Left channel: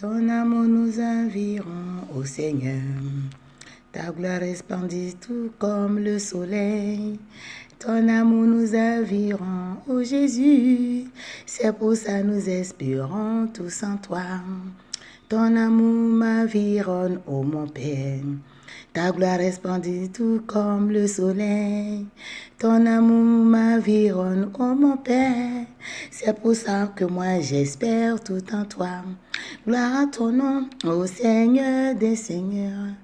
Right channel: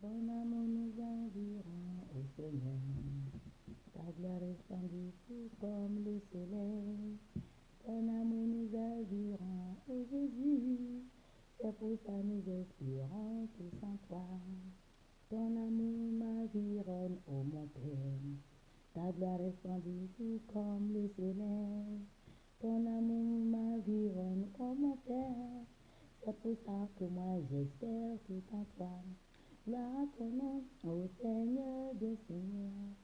Ton amour nous environ, ô Seigneur. Ta gloire resplendit tout comme le soleil. Ton amour nous environ, ô Jésus. C'est pour ça nous espérons tous en toi. Ton amour m'environne, ô mon Père. Ta gloire resplendit tout comme le soleil. Ton amour m'environne, ô mon Père. C'est pour ça que moi j'espère tout en toi. Gloire à ton nom, ô Seigneur des Seigneurs.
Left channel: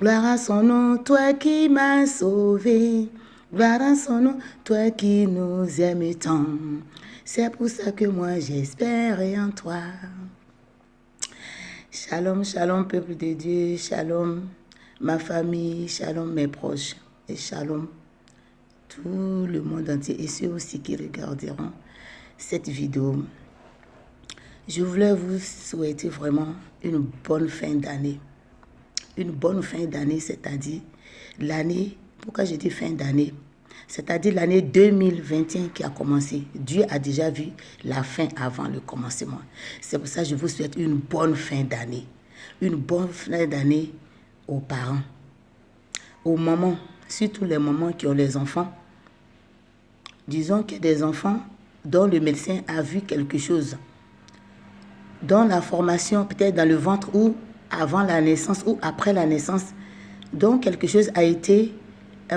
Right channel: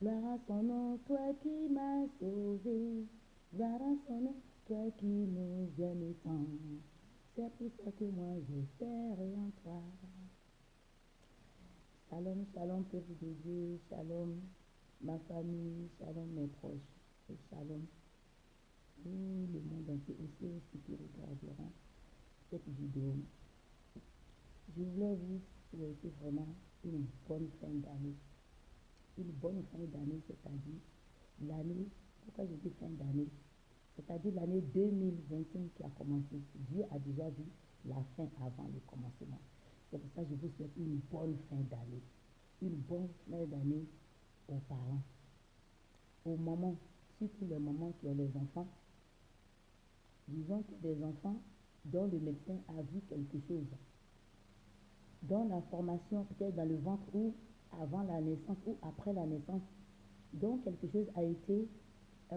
Gloire à son nom, toi qui m'as sauvé. Gloire à son nom, toi qui nous aimes tant. C'est pour ça que moi j'espère en toi. Shalom, shalom, peuple de Dieu. Shalom, ma famille. Shalom, mes proches. Et shalom, tout le monde entier et ceux aussi qui regarderont cette vidéo. Je voulais vous souhaiter vraiment une bonne fin d'année. Une bonne fin d'année, c'est-à-dire l'année, pourquoi je dis fin d'année? C'est-à-dire l'année 2021 qui a commencé. Dieu a déjà vu la fin avant le commencement. C'est pour ça que je vous souhaite une bonne fin d'année. Une bonne fin d'année aux parents, aux mamans, surtout les mamans qui ont les enfants. Disons qu'il y a des enfants dont le médecin a vu quelque chose, dont la formation, peut-être dans le ventre ou avant la naissance ou après la naissance, dont quelque chose a été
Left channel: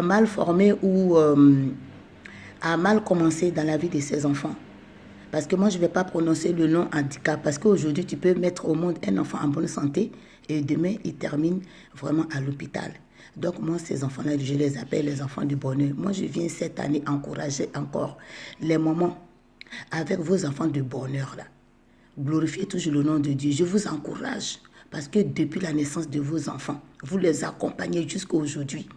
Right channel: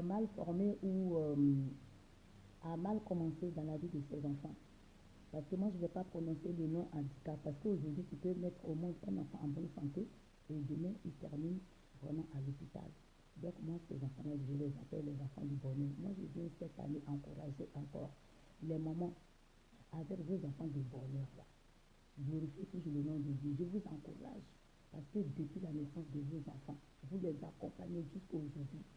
mal formé ou a mal commencé dans la vie de ces enfants. Parce que moi, je ne vais pas prononcer le nom handicap, parce qu'aujourd'hui, tu peux mettre au monde un enfant en bonne santé et demain, il termine vraiment à l'hôpital. Donc, moi, ces enfants-là, je les appelle les enfants du bonheur. Moi, je viens cette année encourager encore les mamans avec vos enfants de bonheur, là. Glorifiez toujours le nom de Dieu. Je vous encourage parce que depuis la naissance de vos enfants, vous les accompagnez jusqu'à aujourd'hui.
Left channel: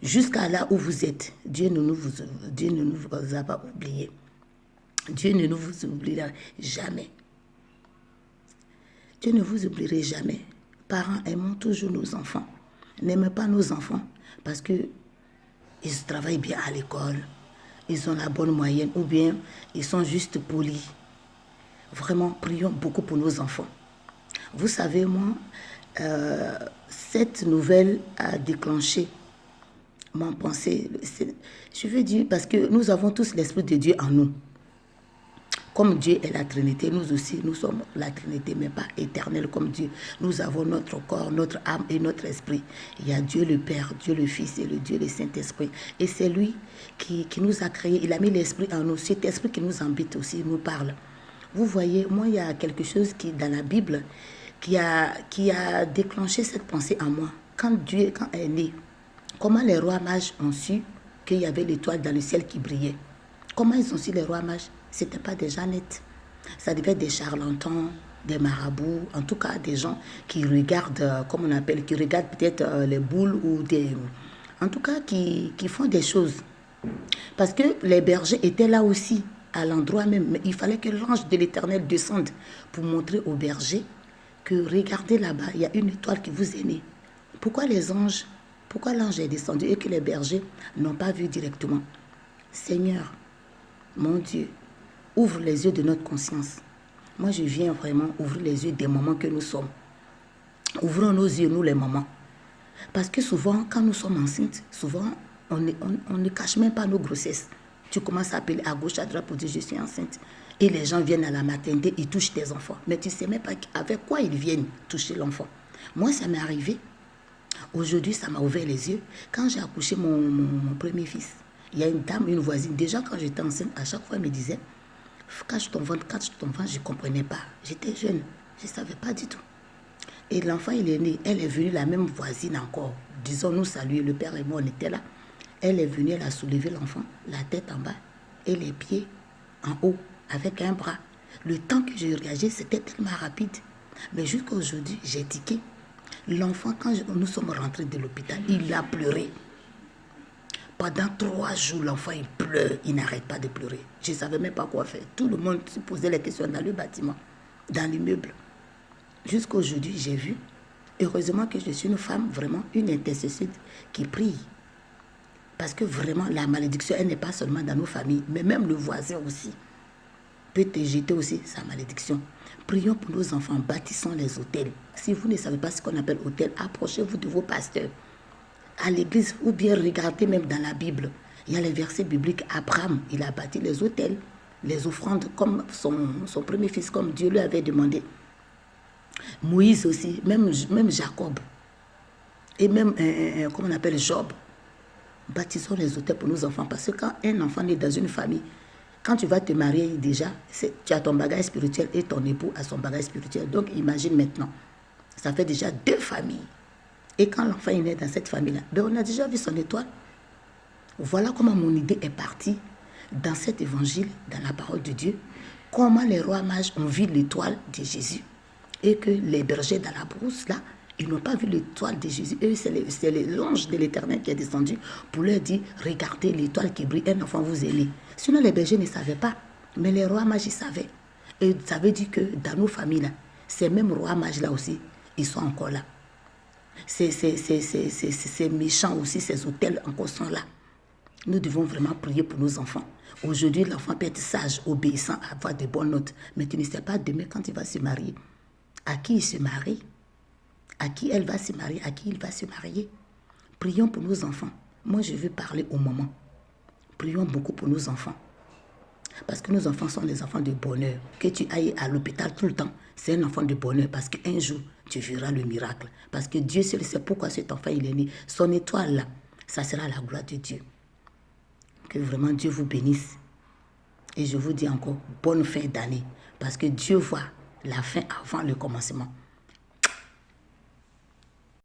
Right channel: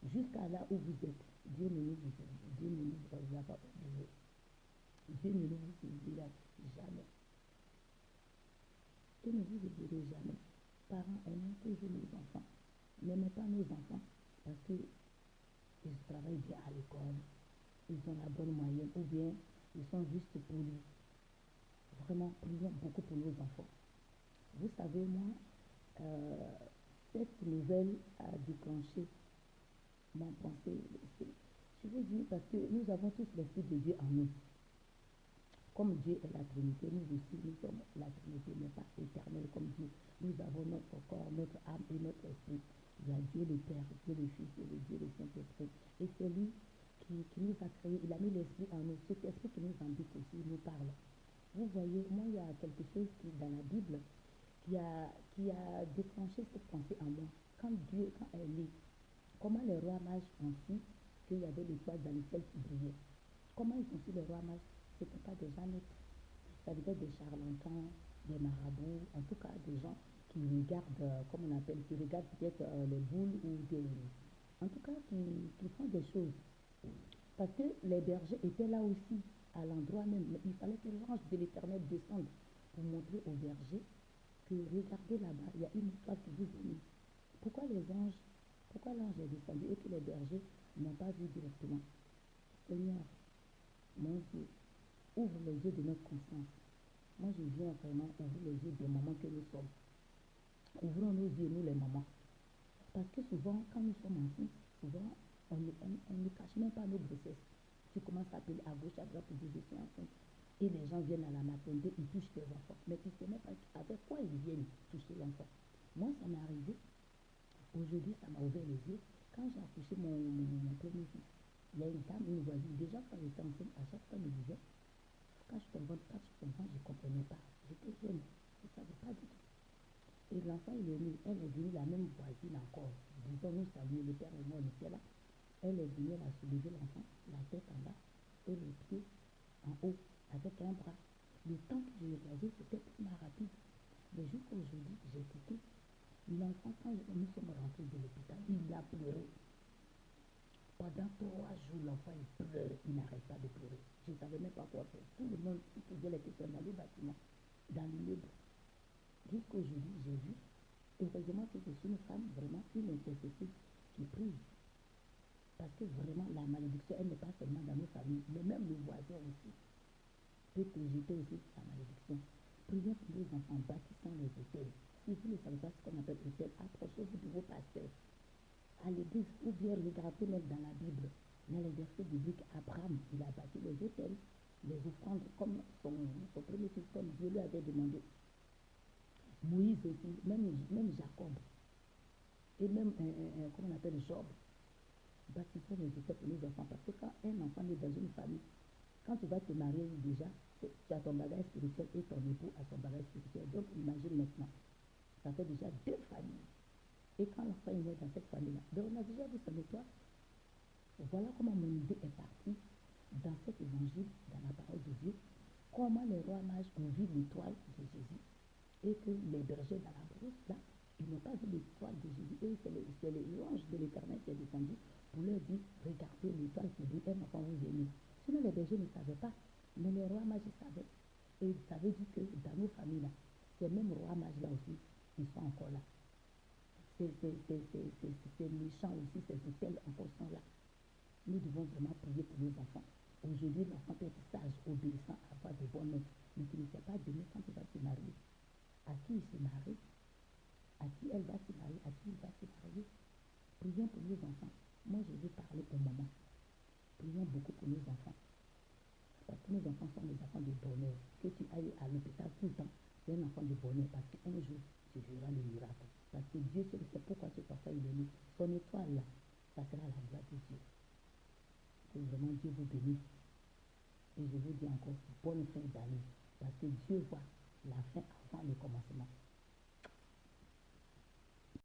Jusqu'à là où vous êtes, Dieu ne nous a pas oubliés. Dieu ne nous vous oubliera jamais. Dieu ne vous oublierait jamais. Parents, aimons toujours nos enfants. N'aimez pas nos enfants parce qu'ils travaillent bien à l'école, ils ont la bonne moyenne ou bien ils sont juste polis. Vraiment, prions beaucoup pour nos enfants. Vous savez, moi, cette nouvelle a déclenché mon pensée. Je veux dire, parce que nous avons tous l'Esprit de Dieu en nous. Comme Dieu est la Trinité, nous aussi, nous sommes la Trinité, mais pas éternelle comme Dieu. Nous avons notre corps, notre âme et notre esprit. Il y a Dieu le Père, Dieu le Fils et le Dieu le Saint-Esprit. Et c'est lui qui nous a créés. Il a mis l'Esprit en nous. Cet Esprit qui nous habite aussi, nous parle. Vous voyez, moi, il y a quelque chose qui, dans la Bible, qui a déclenché cette pensée en moi. Quand Dieu est né, comment les rois mages ont su qu'il y avait l'étoile dans le ciel qui brillait? Comment ils ont su, les rois mages? Ce n'était pas des Jeannettes. Ça devait être des charlatans, des marabouts, en tout cas des gens qui regardent, comme on appelle, qui regardent peut-être les boules ou des... En tout cas, qui font des choses. Parce que les bergers étaient là aussi, à l'endroit même. Mais il fallait que l'ange de l'Éternel descende pour montrer aux bergers que regardez là-bas, il y a une étoile qui vous est née. Pourquoi l'ange est descendu et que les bergers n'ont pas vu directement? Seigneur, mon Dieu, ouvre les yeux de notre conscience. Moi, je viens vraiment ouvrir les yeux des mamans que nous sommes. Ouvrons nos yeux, nous les mamans. Parce que souvent, quand nous sommes enceintes, souvent, on ne cache même pas nos grossesses. Tu commences à appeler à gauche, à droite pour dire je suis enceinte. Et les gens viennent à la maternité, ils touchent tes enfants. Mais tu ne sais même pas avec quoi ils viennent toucher l'enfant. Moi, ça m'est arrivé. Aujourd'hui, ça m'a ouvert les yeux. Quand j'ai accouché mon premier fils, il y a une dame, une voisine, déjà quand j'étais enceinte, à chaque fois, elle me disait, cache ton ventre, je ne comprenais pas. J'étais jeune, je ne savais pas du tout. Et l'enfant, il est né, elle est venue, la même voisine encore, disons nous saluer, le père et moi, on était là. Elle est venue, elle a soulevé l'enfant, la tête en bas et les pieds en haut, avec un bras. Le temps que je réagis, c'était tellement rapide. Mais jusqu'à aujourd'hui, j'ai tiqué. L'enfant, quand nous sommes rentrés de l'hôpital, il a pleuré. Pendant 3 jours, l'enfant, il pleure. Il n'arrête pas de pleurer. Je ne savais même pas quoi faire. Tout le monde se posait les questions dans le bâtiment, dans l'immeuble. Jusqu'à aujourd'hui, j'ai vu. Heureusement que je suis une femme, vraiment, une intercesseuse qui prie. Parce que vraiment, la malédiction, elle n'est pas seulement dans nos familles, mais même le voisin aussi peut te jeter aussi sa malédiction. Prions pour nos enfants, bâtissons les hôtels. Si vous ne savez pas ce qu'on appelle hôtel, approchez-vous de vos pasteurs à l'église ou bien regardez même dans la Bible. Il y a les versets bibliques. Abraham, il a bâti les hôtels, les offrandes comme son premier fils, comme Dieu lui avait demandé. Moïse aussi, même Jacob. Et même, comment on appelle, Job. Bâtissons les hôtels pour nos enfants. Parce que quand un enfant naît dans une famille, quand tu vas te marier déjà, tu as ton bagage spirituel et ton époux a son bagage spirituel. Donc imagine maintenant, ça fait déjà 2 familles. Et quand l'enfant est né dans cette famille-là, ben on a déjà vu son étoile. Voilà comment mon idée est partie dans cet évangile, dans la parole de Dieu. Comment les rois mages ont vu l'étoile de Jésus. Et que les bergers dans la brousse, là, ils n'ont pas vu l'étoile de Jésus. Eux, c'est l'ange de l'Éternel qui est descendu pour leur dire, regardez l'étoile qui brille, un enfant vous est né. Sinon, les bergers ne savaient pas. Mais les rois mages, ils savaient. Et ça veut dire que dans nos familles, là, ces mêmes rois mages-là aussi, ils sont encore là. Ces méchants aussi, ces hôtels encore sont là. Nous devons vraiment prier pour nos enfants. Aujourd'hui, l'enfant peut être sage, obéissant, avoir de bonnes notes. Mais tu ne sais pas demain quand il va se marier. À qui il se marie? À qui elle va se marier? À qui il va se marier? Prions pour nos enfants. Moi, je veux parler au moment. Prions beaucoup pour nos enfants. Parce que nos enfants sont des enfants de bonheur. Que tu ailles à l'hôpital tout le temps, c'est un enfant de bonheur. Parce qu'un jour, tu verras le miracle. Parce que Dieu seul sait pourquoi cet enfant il est né. Son étoile là, ça sera la gloire de Dieu. Que vraiment Dieu vous bénisse. Et je vous dis encore, bonne fin d'année. Parce que Dieu voit la fin avant le commencement.